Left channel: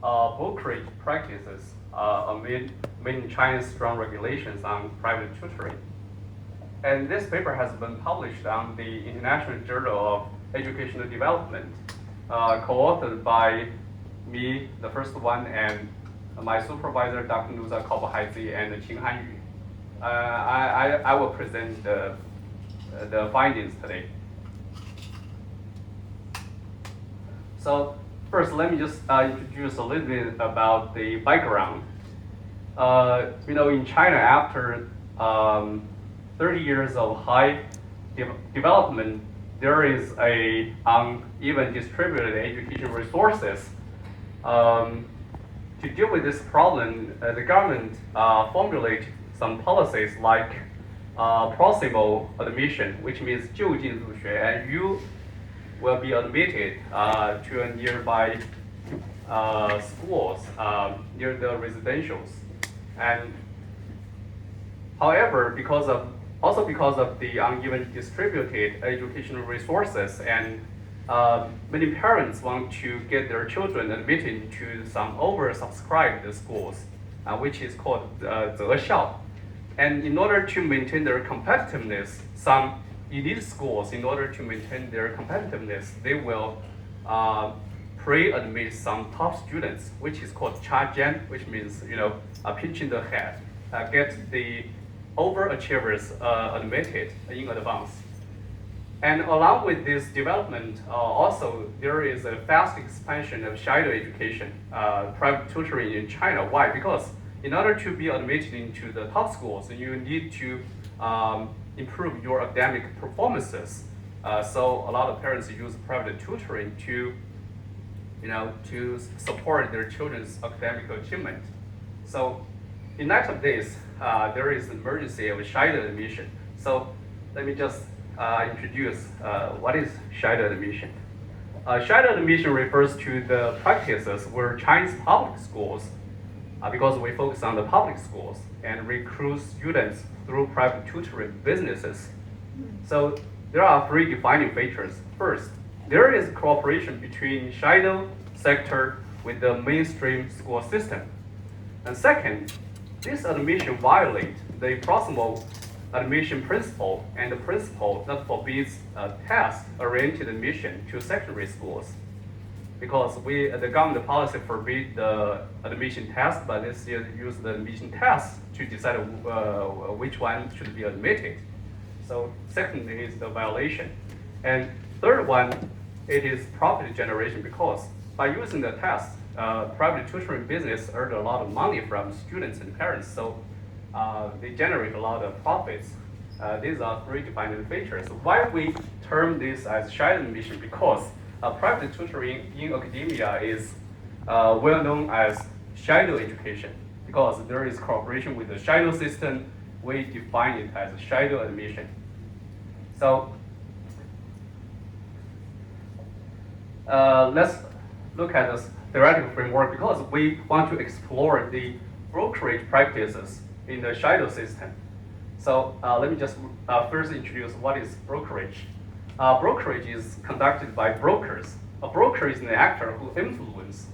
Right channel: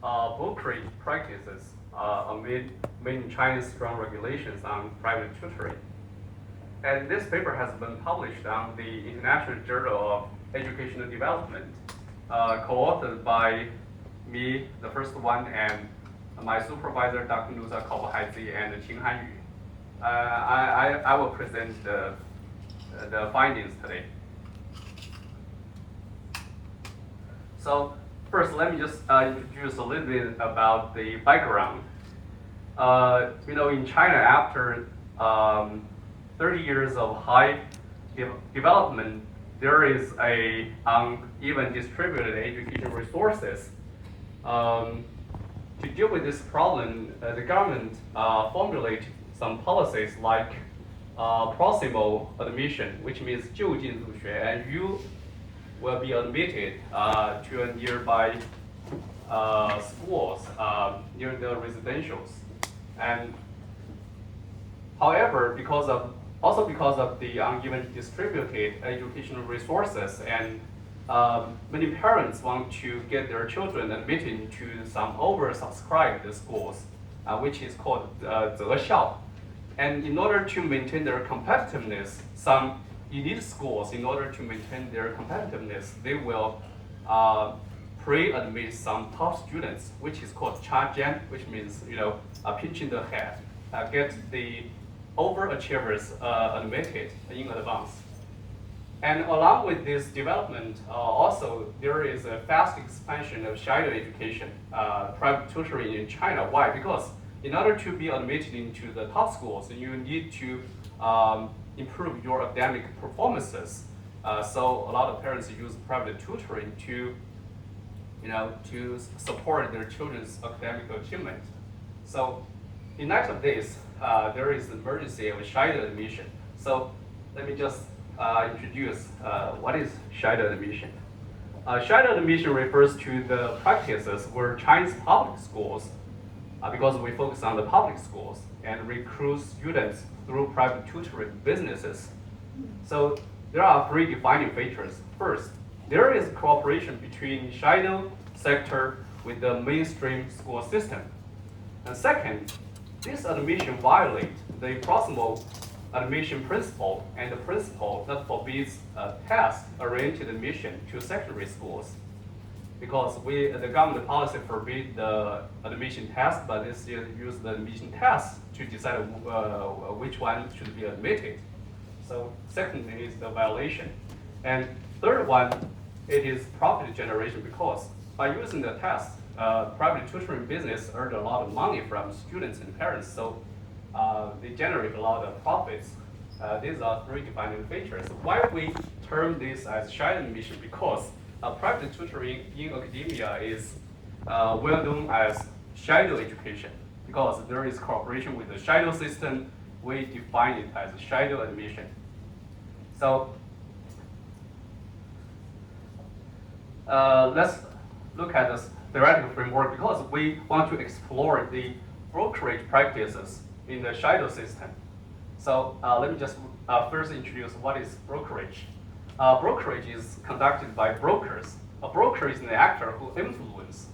brokerage practices amid China's strong regulations on private tutoring. And this paper has been published on the International Journal of Educational Development, co-authored by me, the first one, and my supervisor, Dr. Nusa Kaobohaizi, and Qing Hanyu. I will present the findings today. So first, let me just introduce a little bit about the background. In China, after 30 years of high development, there is a uneven distributed education resources. To deal with this problem, the government formulated some policies like proximal admission, which means 就近入学, and you will be admitted to a nearby schools near the residentials. And however, because of the uneven distributed educational resources, and many parents want to get their children admitted to some oversubscribed schools, which is called 择校. And in order to maintain their competitiveness, some elite schools, in order to maintain their competitiveness, they will pre-admit some top students, which is called 插尖, which means pinching the head, get the overachievers admitted in advance. And along with this development, also there is a fast expansion of shadow education, private tutoring in China. Why? Because in order to be admitted into the top schools, you need to improve your academic performances. So a lot of parents use private tutoring to support their children's academic achievement. So in light of this, there is an emergency of shadow admission. So let me just introduce what is shadow admission. Shadow admission refers to the practices where Chinese public schools, because we focus on the public schools, and recruit students through private tutoring businesses. So there are three defining features. First, there is cooperation between shadow sector with the mainstream school system. And second, this admission violates the proximal admission principle and the principle that forbids test-oriented admission to secondary schools. Because the government policy forbids the admission test, but they still use the admission test to decide which one should be admitted. So second is the violation. And third one, it is profit generation, because by using the test, private tutoring business earn a lot of money from students and parents, so they generate a lot of profits. These are three defining features. Why we term this as shadow admission? Because private tutoring in academia is well known as shadow education, because there is cooperation with the shadow system. We define it as shadow admission. So let's look at this theoretical framework, because we want to explore the brokerage practices in the shadow system. So let me just first introduce what is brokerage. Brokerage is conducted by brokers. A broker is an actor who influences,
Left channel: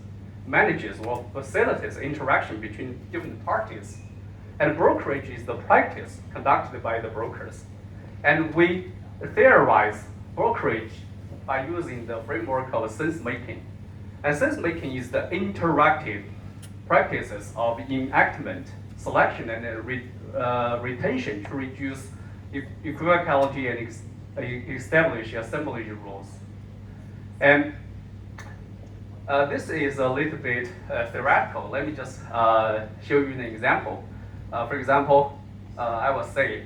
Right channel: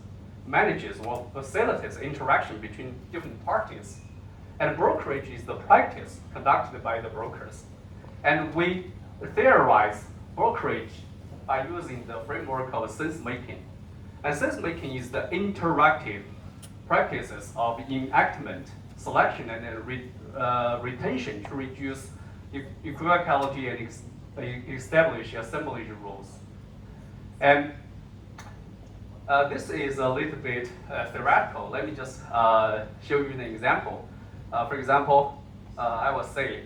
manages, or facilitates interaction between different parties. And brokerage is the practice conducted by the brokers. And we theorize brokerage by using the framework of sense-making. And sense-making is the interactive practices of enactment, selection, and retention to reduce equivocality and establish assembly rules. And this is a little bit theoretical. Let me just show you an example. For example, I will say,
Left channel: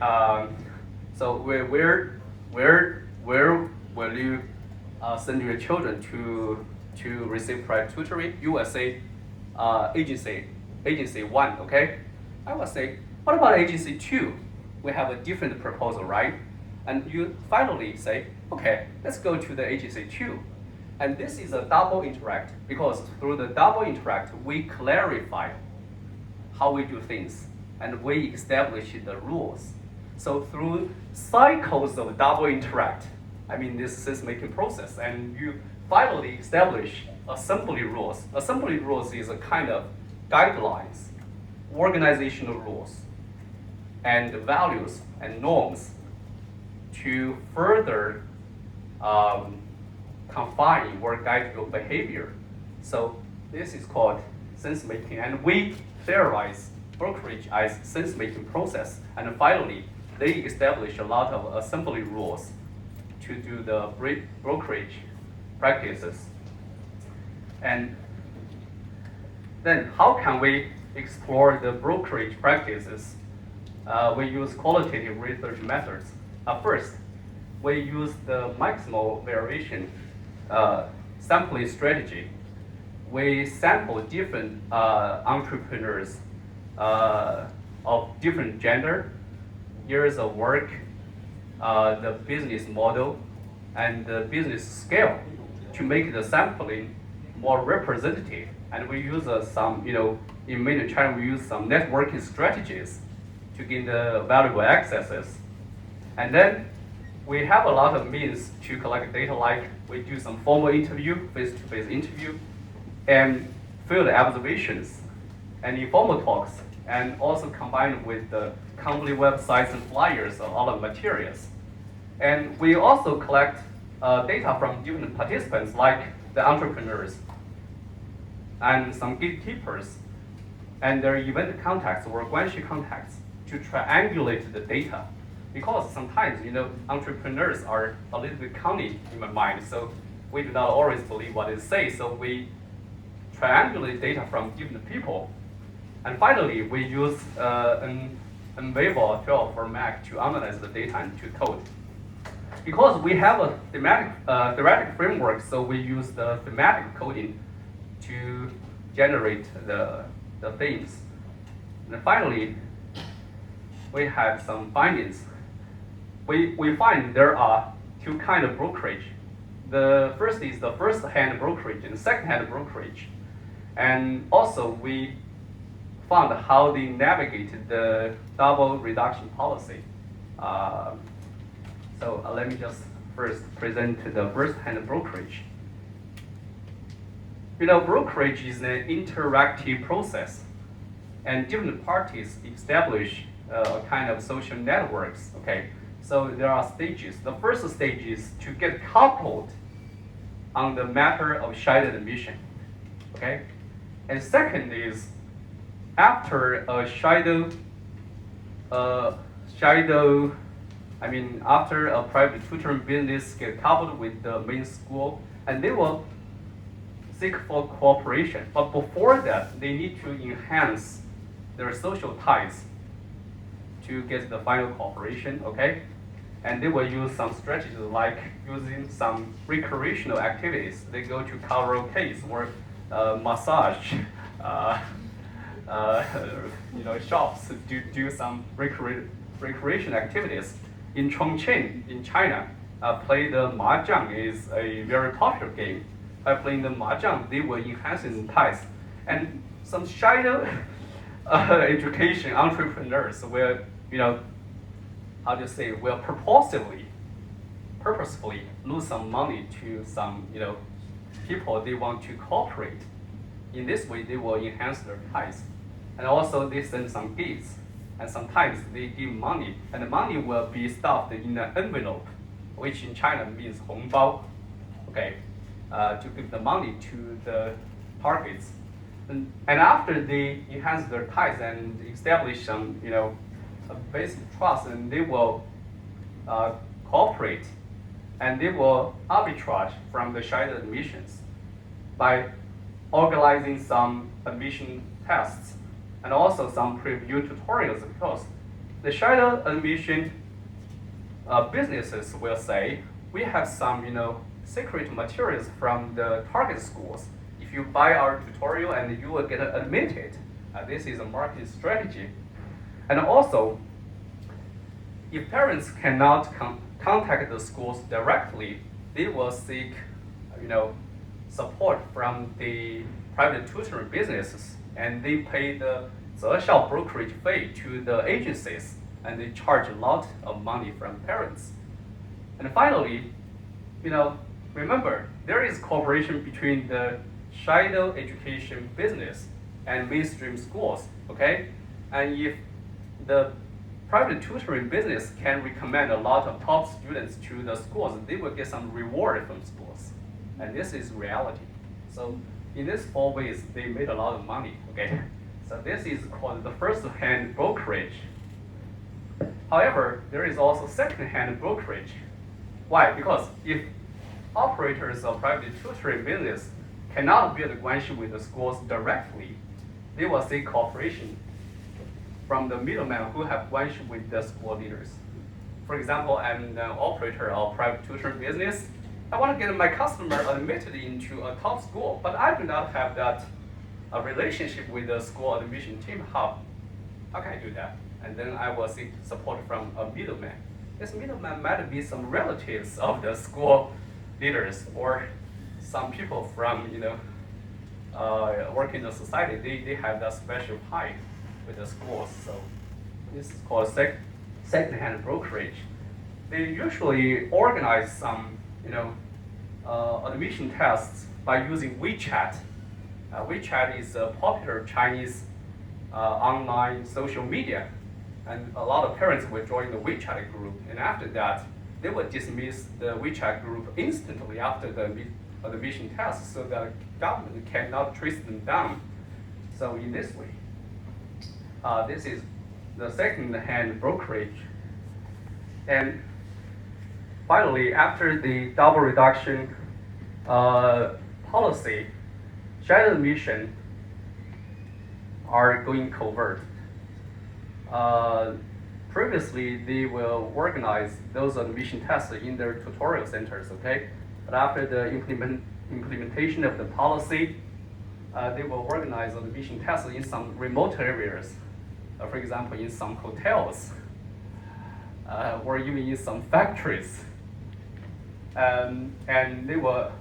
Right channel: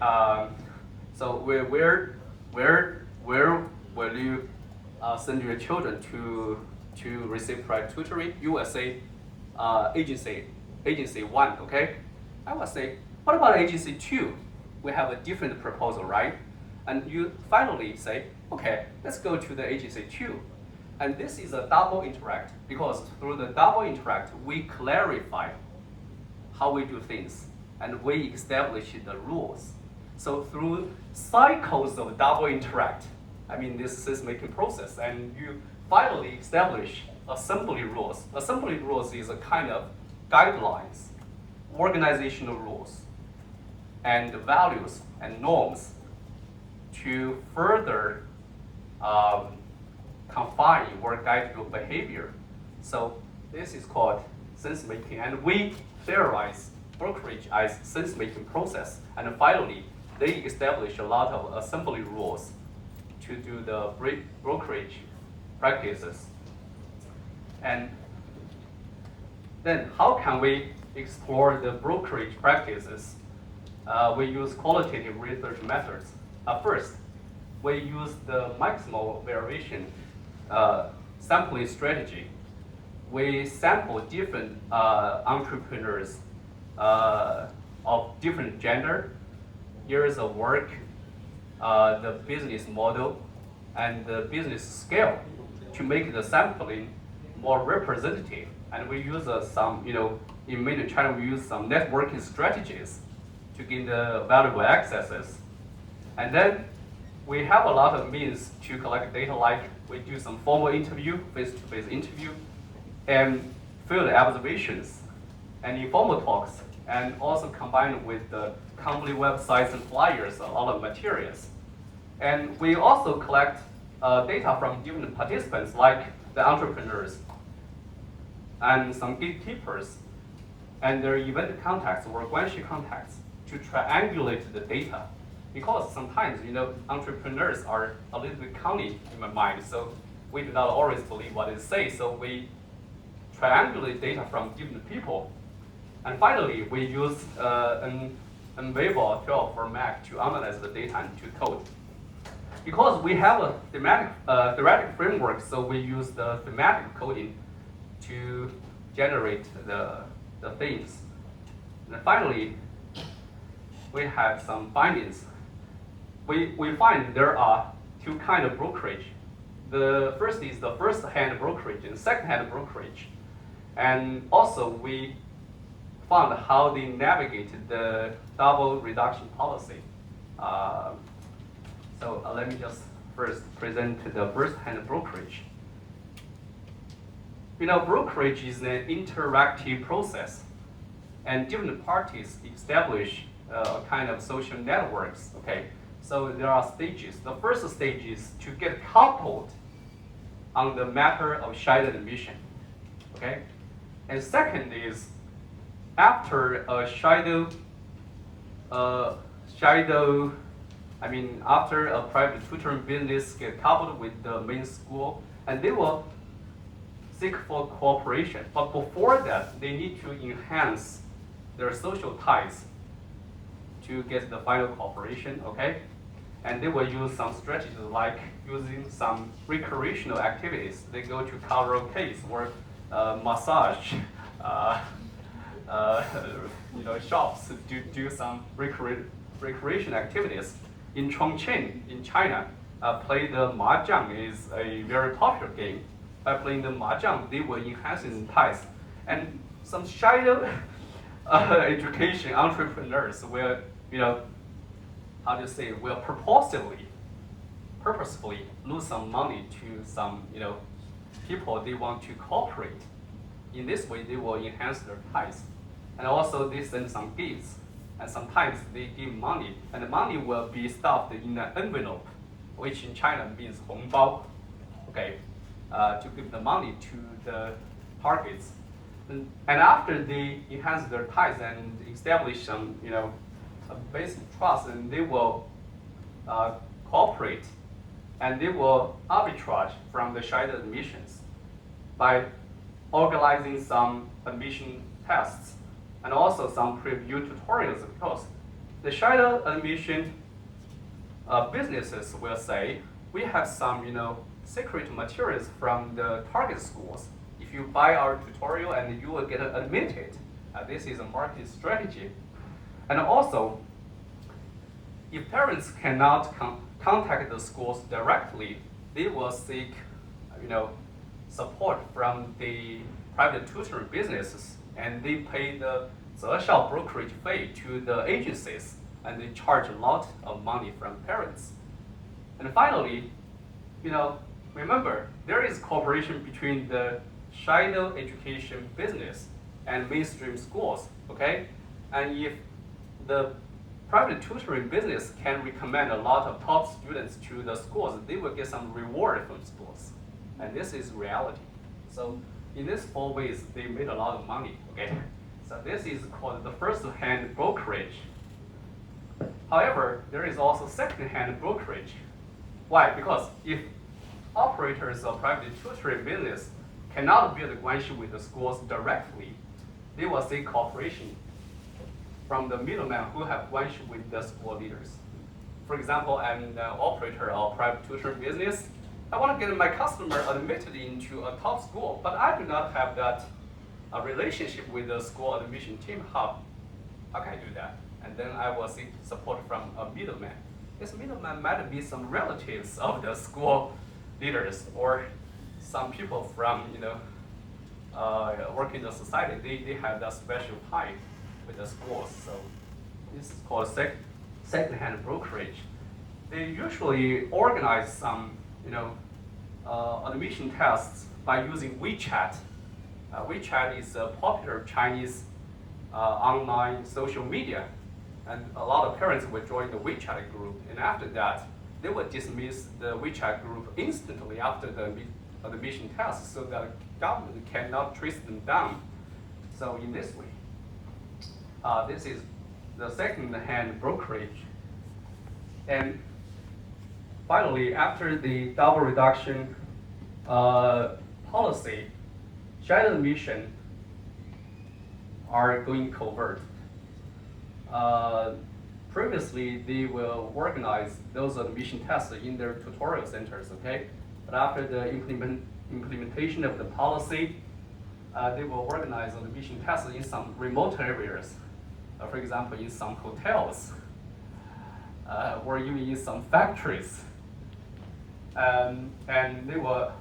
so where will you send your children to receive private tutoring? You will say agency 1, okay? I will say, what about agency 2? We have a different proposal, right? And you finally say, okay, let's go to the agency 2. And this is a double interact, because through the double interact, we clarify how we do things, and we establish the rules. So through cycles of double interact, I mean this sense-making process, and you finally establish assembly rules. Assembly rules is a kind of guidelines, organizational rules, and values and norms to further confine or guide your behavior. So this is called sense making, and we theorize brokerage as sense making process. And finally, they establish a lot of assembly rules to do the brokerage practices. And then how can we explore the brokerage practices? We use qualitative research methods. First, we use the maximal variation sampling strategy. We sample different entrepreneurs of different gender, years of work, the business model, and the business scale to make the sampling more representative. And we use some, in mainland China, we use some networking strategies to gain the valuable accesses. And then we have a lot of means to collect data, like we do some formal interview, face-to-face interview, and field observations, and informal talks, and also combined with the company websites and flyers, a lot of materials. And we also collect data from different participants, like the entrepreneurs and some gatekeepers and their event contacts or guanxi contacts to triangulate the data. Because sometimes, entrepreneurs are a little bit cunning in my mind, so we do not always believe what they say, so we triangulate data from different people. And finally, we use an Weibo 12 format to analyze the data and to code. Because we have a theoretic framework, so we use the thematic coding to generate the themes. And finally, we have some findings. We find there are two kinds of brokerage. The first is the first-hand brokerage and second-hand brokerage. And also we found how they navigated the double reduction policy. So let me just first present the first-hand brokerage. Brokerage is an interactive process, and different parties establish a kind of social networks. Okay, so there are stages. The first stage is to get coupled on the matter of shared admission. Okay, and second is after a after a private tutoring business get coupled with the main school, and they will seek for cooperation. But before that, they need to enhance their social ties to get the final cooperation, okay? And they will use some strategies like using some recreational activities. They go to karaoke or massage, shops to do some recreation activities. In Chongqing, in China, play the mahjong is a very popular game. By playing the mahjong, they will enhance their ties. And some shadow education entrepreneurs will, will purposefully lose some money to some, people they want to cooperate. In this way, they will enhance their ties. And also they send some gifts. And sometimes they give money, and the money will be stuffed in an envelope, which in China means 红包, okay, to give the money to the targets. And after they enhance their ties and establish some, a basic trust, and they will cooperate, and they will arbitrage from the shared admissions by organizing some admission tests and also some preview tutorials, because the shared admission businesses will say, we have some, secret materials from the target schools. If you buy our tutorial and you will get admitted, this is a market strategy. And also, if parents cannot contact the schools directly, they will seek, support from the private tutoring businesses, and they pay the CESHK brokerage fee to the agencies, and they charge a lot of money from parents. And finally, remember, there is cooperation between the shadow education business and mainstream schools, okay? And if the private tutoring business can recommend a lot of top students to the schools, they will get some reward from schools. And this is reality. So in these 4 ways, they made a lot of money, okay? So this is called the first-hand brokerage. However, there is also second-hand brokerage. Why? Because if operators of private tutoring business cannot build a relationship with the schools directly, they will seek cooperation from the middlemen who have relationship with the school leaders. For example, I'm an operator of private tutoring business. I want to get my customer admitted into a top school, but I do not have that relationship with the school admission team. How can I do that? And then I will seek support from a middleman. This middleman might be some relatives of the school leaders or some people from work in the society. They have that special tie with the schools. So this is called second-hand brokerage. They usually organize some admission tests by using WeChat. WeChat is a popular Chinese online social media, and a lot of parents will join the WeChat group, and after that, they will dismiss the WeChat group instantly after the admission test, so that government cannot trace them down. So in this way, this is the second-hand brokerage. And finally, after the double reduction policy, shadow admission are going covert. Previously, they will organize those admission tests in their tutorial centers, okay? But after the implementation of the policy, they will organize admission tests in some remote areas. For example, in some hotels, or even in some factories. And they were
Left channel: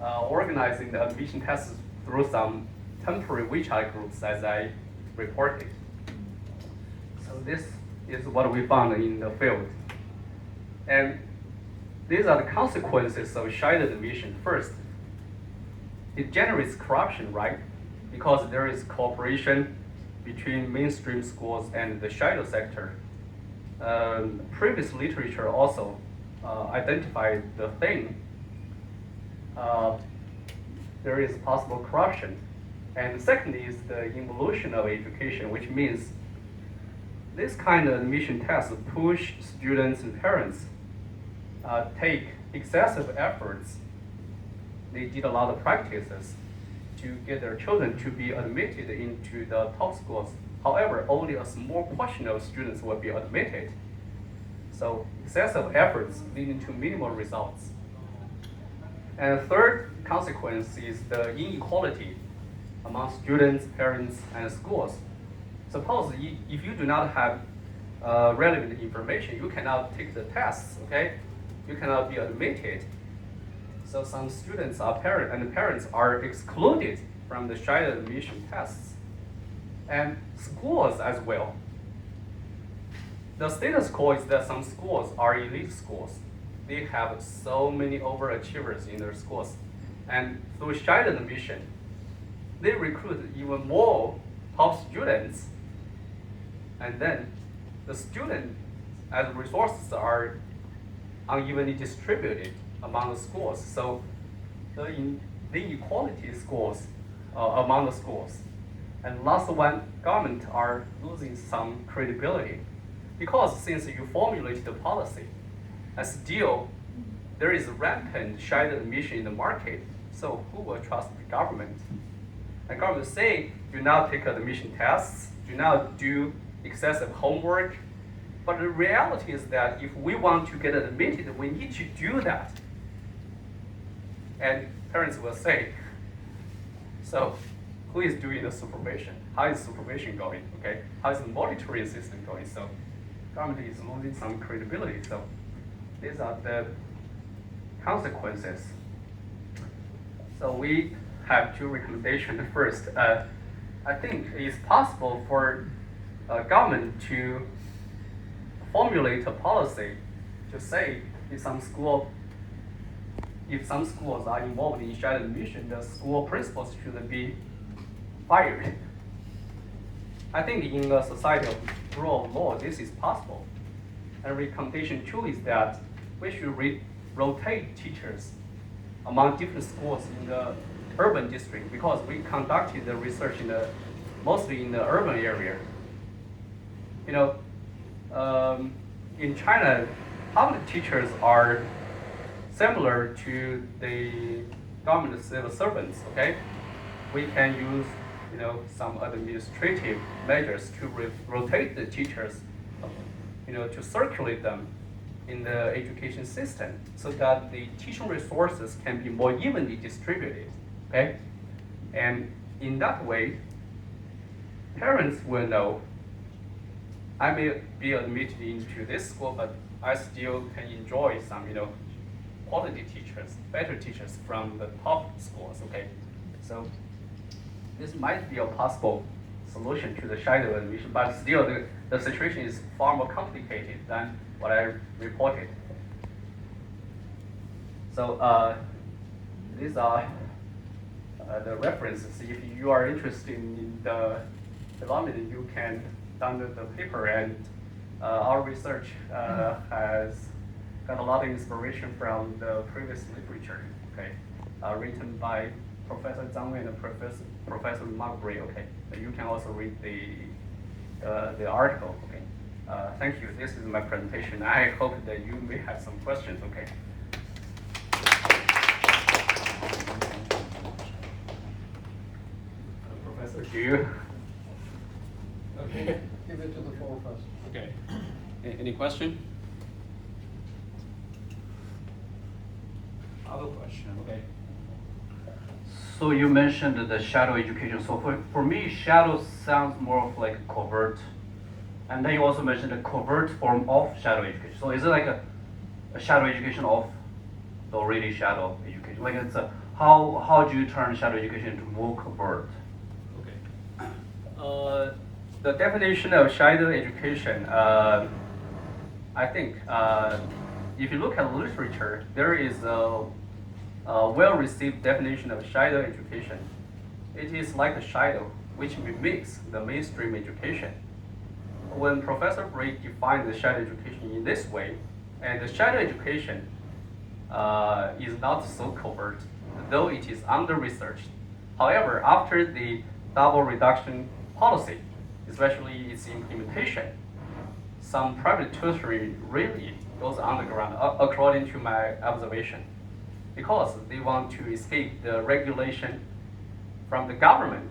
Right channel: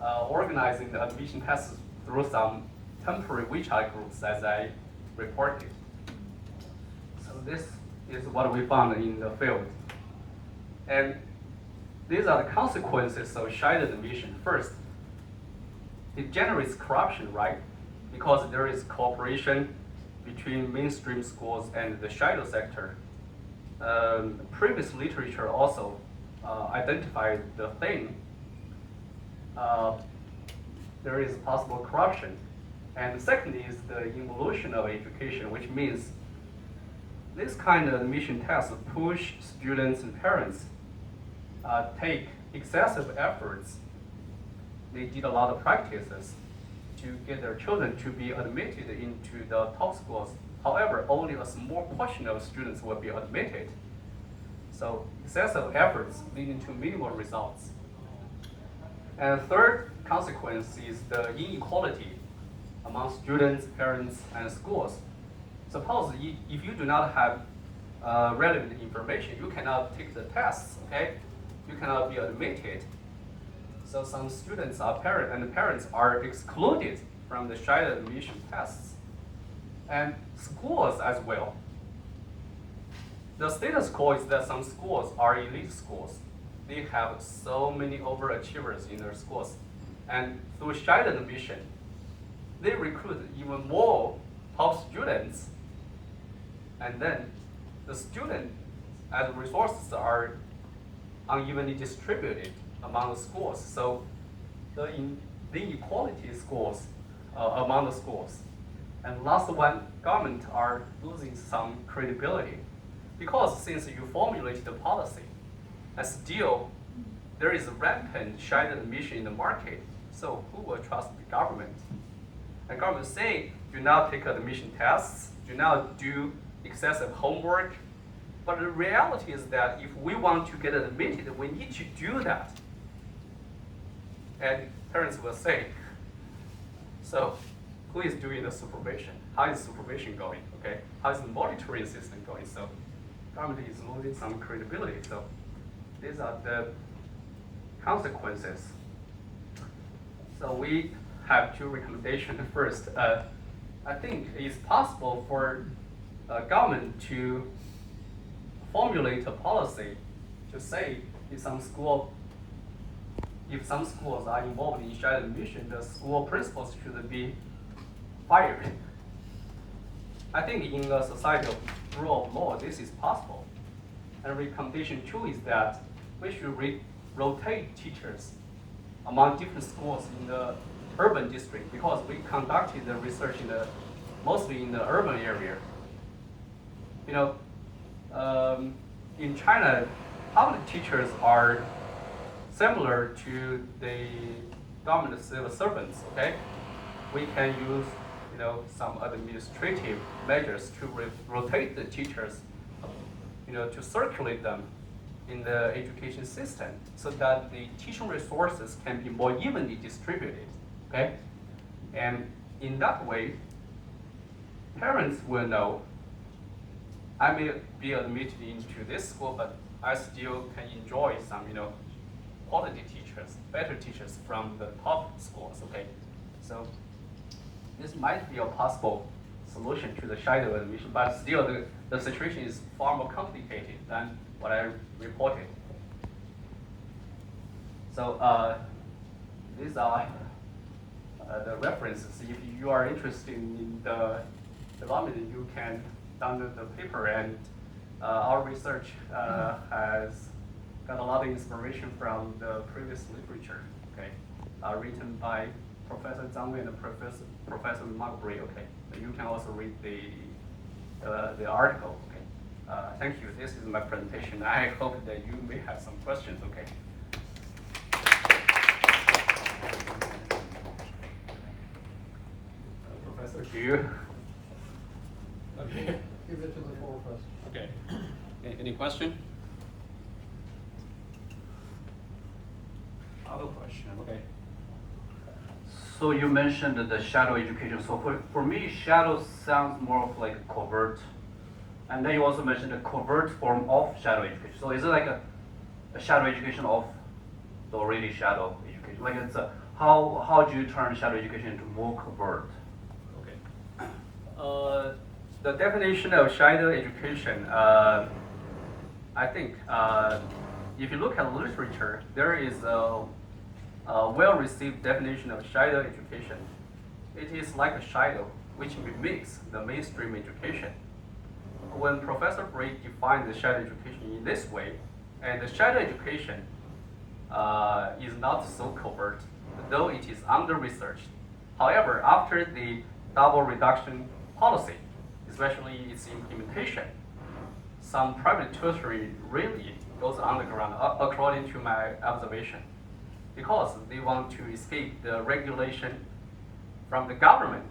organizing the admission tests through some temporary WeChat groups, as I reported. So this is what we found in the field. And these are the consequences of shadow admission. First, it generates corruption, right? Because there is cooperation between mainstream schools and the shadow sector. Previous literature also identified the thing. There is possible corruption. And second is the evolution of education, which means this kind of admission tests push students and parents take excessive efforts. They did a lot of practices to get their children to be admitted into the top schools. However, only a small portion of students will be admitted. So excessive efforts leading to minimal results. And third consequence is the inequality among students, parents, and schools. Suppose if you do not have relevant information, you cannot take the tests, okay? You cannot be admitted. So some students and parents are excluded from the shadow admission tests. And schools as well. The status quo is that some schools are elite schools. They have so many overachievers in their schools. And through shadow admission, they recruit even more top students. And then the student and resources are unevenly distributed among the schools. So the inequality schools among the schools. And last one, government are losing some credibility. Because since you formulate the policy, and still there is rampant shadow admission in the market, so who will trust the government? The government say, do not take admission tests, do not do excessive homework, but the reality is that if we want to get admitted, we need to do that. And parents will say, so who is doing the supervision? How is supervision going? Okay, how is the monitoring system going? So government is losing some credibility. So these are the consequences. So we have two recommendations. First, I think it's possible for government to formulate a policy to say if some school if some schools are involved in shared admission, the school principals should be fired. I think in a society of rule of law, this is possible. And recommendation 2 is that we should rotate teachers among different schools in the urban district, because we conducted the research mostly in the urban area. You know, in China, public teachers are similar to the government civil servants. Okay, we can use some administrative measures to rotate the teachers, to circulate them in the education system so that the teaching resources can be more evenly distributed. Okay, and in that way, parents will know I may be admitted into this school, but I still can enjoy some, quality teachers, better teachers from the top schools. Okay, so this might be a possible solution to the shadow admission, but still the situation is far more complicated than what I reported. So these are the references. If you are interested in the development, you can download the paper, and our research has got a lot of inspiration from the previous literature, okay, written by Professor Zhang Bray and Professor Zhang Bray. Okay, you can also read the article. Okay, thank you. This is my presentation. I hope that you may have some questions. Okay. Professor, do you? Okay. Give it to the floor first. Okay. Any question? Other question. Okay. So you mentioned the shadow education. So for me, shadow sounds more of like covert. And then you also mentioned a covert form of shadow education. So is it like a shadow education of the already shadow education? Like it's how do you turn shadow education into more covert? Okay. The definition of shadow education, I think, if you look at literature, there is a well-received definition of shadow education. It is like a shadow which mimics the mainstream education. When Professor Bray defined the shadow education in this way, and the shadow education is not so covert, though it is under-researched. However, after the double reduction policy, especially its implementation, some private tutoring really goes underground, according to my observation, because they want to escape the regulation from the government.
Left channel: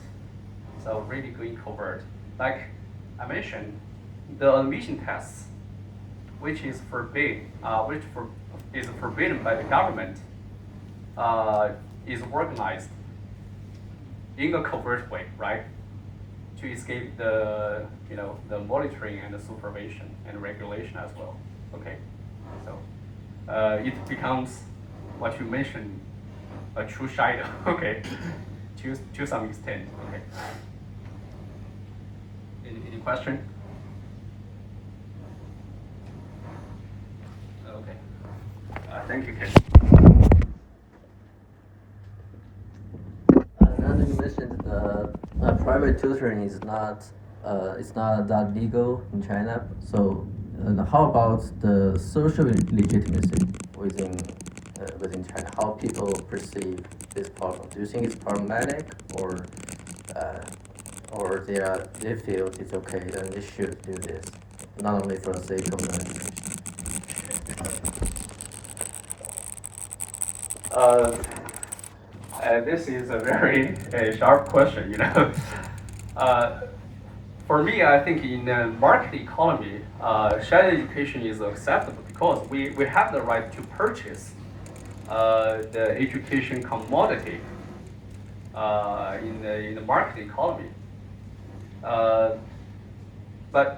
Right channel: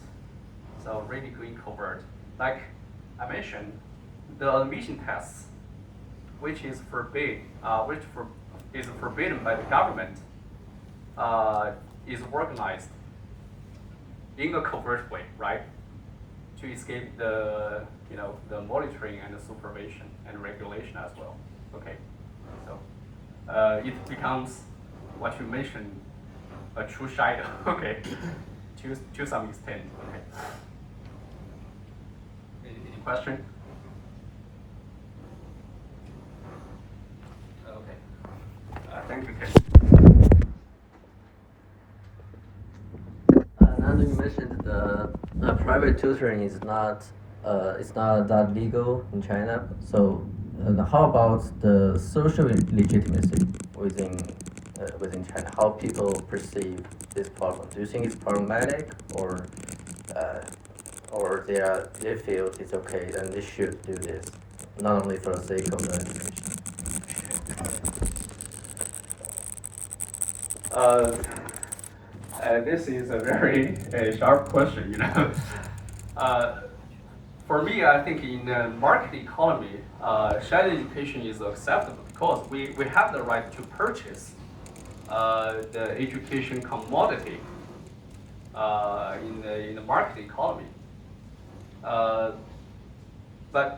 So really going covert. Like I mentioned, the admission tests, which is forbidden by the government, is organized in a covert way, right? To escape the monitoring and the supervision and regulation as well. Okay, so it becomes what you mentioned, a true shadow. Okay, to some extent. Okay. Any question? Okay. Thank you, Ken. Now you mentioned the private tutoring is not it's not that legal in China. So how about the social legitimacy within China? How people perceive this problem? Do you think it's problematic, or they feel it's okay and they should do this, not only for the sake of the education? This is a very sharp question, For me, I think in the market economy, shadow education is acceptable because we have the right to purchase the education commodity in the market economy. But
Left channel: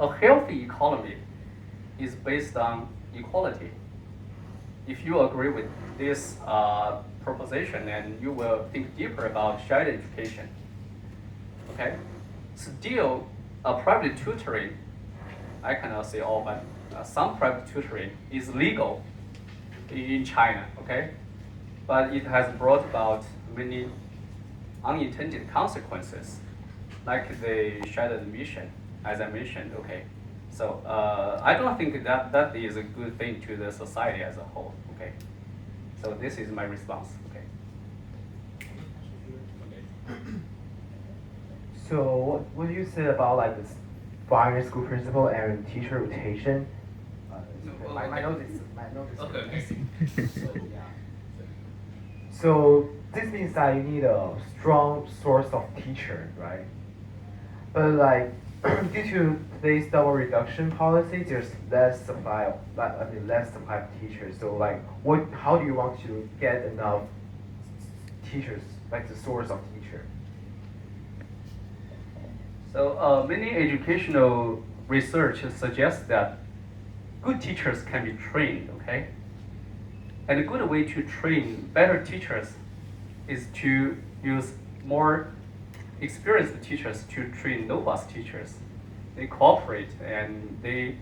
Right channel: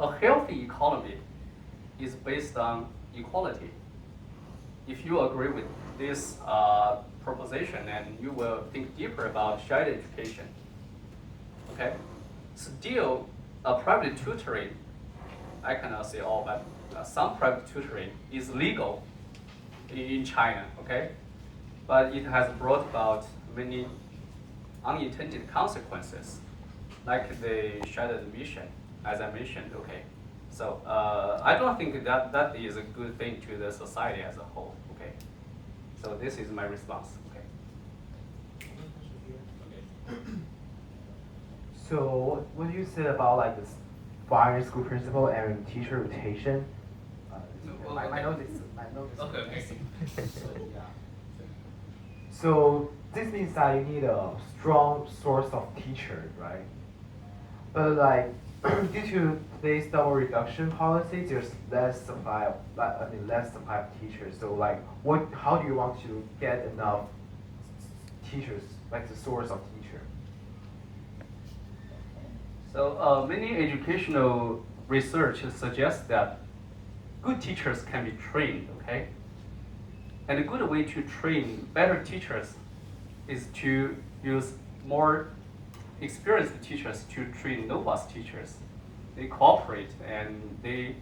a healthy economy is based on equality. If you agree with this proposition, and you will think deeper about shared education. Okay, still a private tutoring, I cannot say all, but some private tutoring is legal in China, okay? But it has brought about many unintended consequences, like the shared admission, as I mentioned, okay? So I don't think that is a good thing to the society as a whole, okay? So this is my response, okay? So what do you say about like this primary school principal and teacher rotation? I know this. Okay. So yeah. So this means that you need a strong source of teacher, right? But like due to today's double reduction policy, there's less supply of less supply of teachers. So like how do you want to get enough teachers, like the source of teacher? So many educational research suggests that good teachers can be trained, okay? And a good way to train better teachers is to use more experienced teachers to train novice teachers. They cooperate and they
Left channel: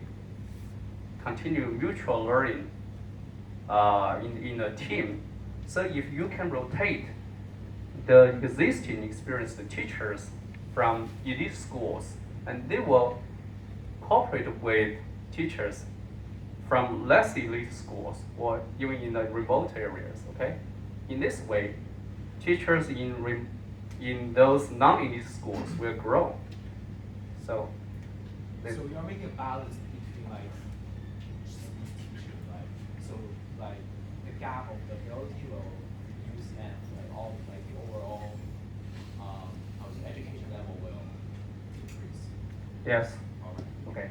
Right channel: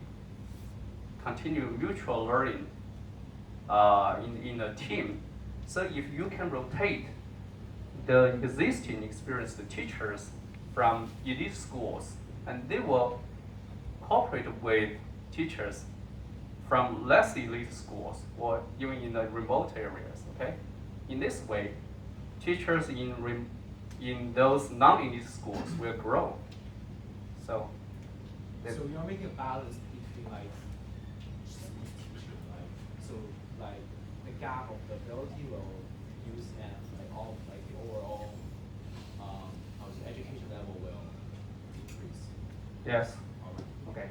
continue mutual learning in a team. So if you can rotate the existing experienced teachers from elite schools, and they will cooperate with teachers from less elite schools or even in the remote areas, okay? In this way, teachers in those non-elite schools will grow. So you're making a balance between like just these teachers, right? So like the gap of the ability will reduce and like all like the overall how to say, education level will decrease. yes. Okay.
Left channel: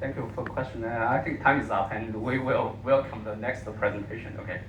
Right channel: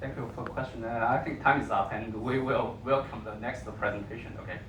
Thank you for the question. I think time is up, and we will welcome the next presentation. Okay.